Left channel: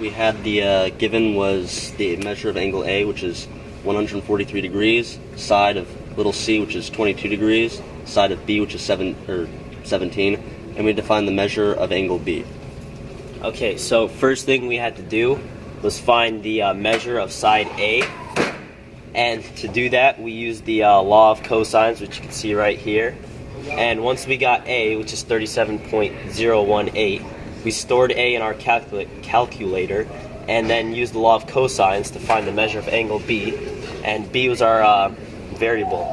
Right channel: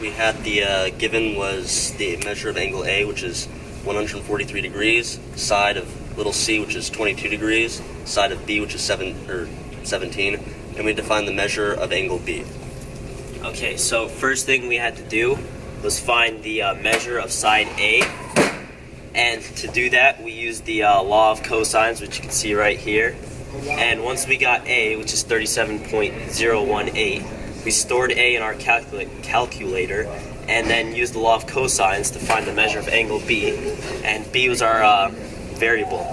We had the given was the measure of angle A, which is 143 degrees, side of little c, which is 22 degrees, side of B, which is 17, and we defined the measure of angle B. Okay, so first thing we had to do was find the measure of side A, and to do that we used the law of cosines, which you can see right here. And once we got A, which is 37.018, we stored A in our calculator and then used the law of cosines to find the measure of angle B, and B was our variable.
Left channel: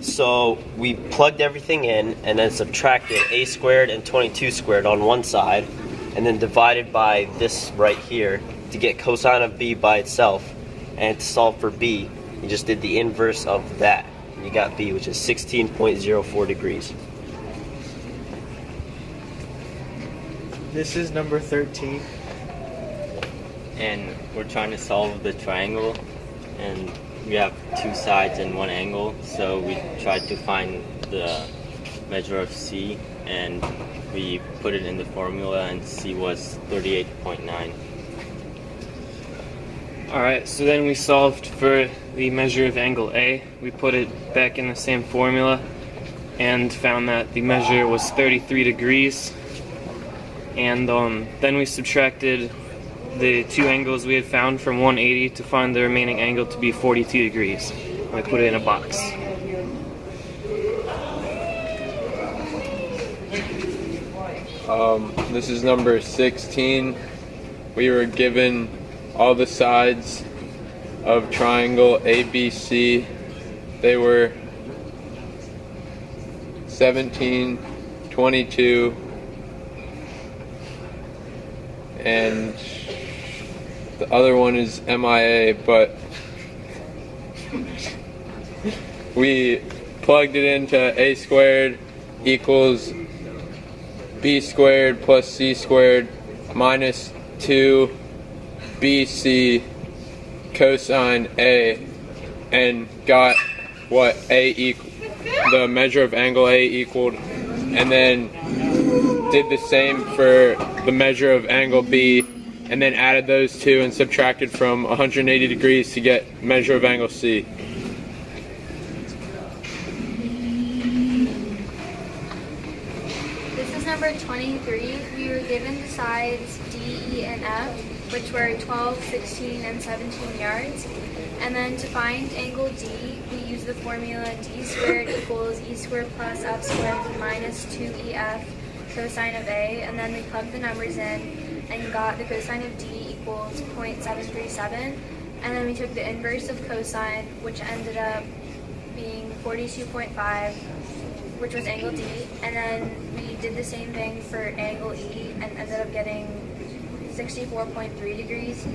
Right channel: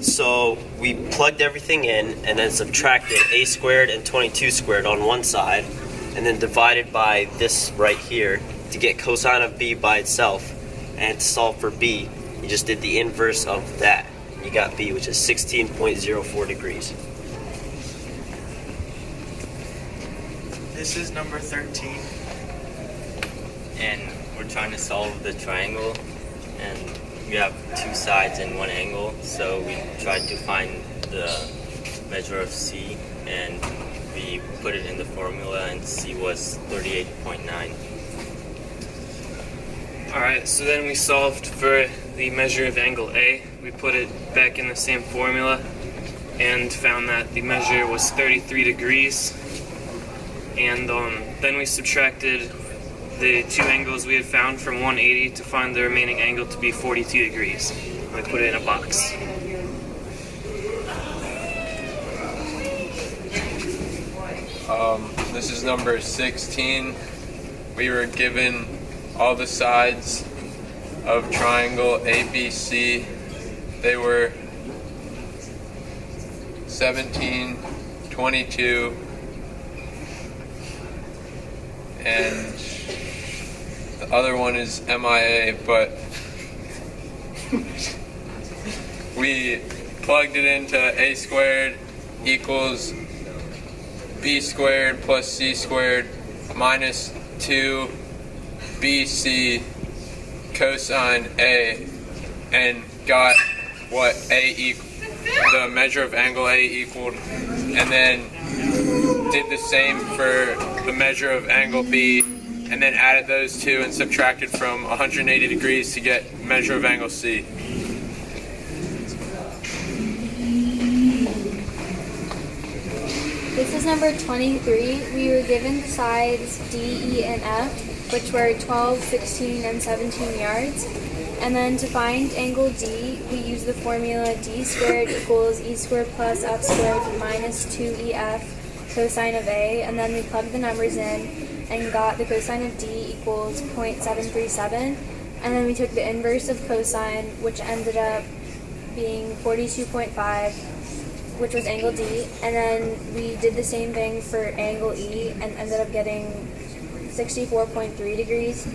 So we plugged everything in and then subtracted A squared and 22 squared on one side, and then divided by this right here to get cosine of B by itself. And to solve for B, you just did the inverse of that. You got B, which is 16.04 degrees. This is number 13. And we're trying to solve the triangle, and we have two sides and one angle, so we tried to find the measure of C, and we put it in the formula, and C was 38.9. Alright, so then we solved for the measure of angle A. We put it back in the same formula and found that the measure was 33 degrees. And then we subtracted the two angles we had found from 180 to find the remaining angle to be 42 degrees. We put it in a box. This is number 16. We were given all the sides of triangle ABC. They were 17, 22, and the other one is MIA, but we plugged it into A squared equals B squared plus C squared minus 2 BC cosine A, and got what the measure of angle A equaled, and then did the same for the measure of angle B, and then added those two and subtracted from 180 degrees to get measure of angle C. This is number 23. We were given the sides D, E, and F, which were 12, 16, and 17 yards. And then to find angle D, we used the formula D squared equals E squared plus F squared minus 2EF cosine of A. And then we plugged the numbers in and got the cosine of D equals 0.737. And then we took the inverse of cosine, which ended up being 42.5, which was angle D. And then we did the same thing for angle E and ended up getting 64.3 degrees.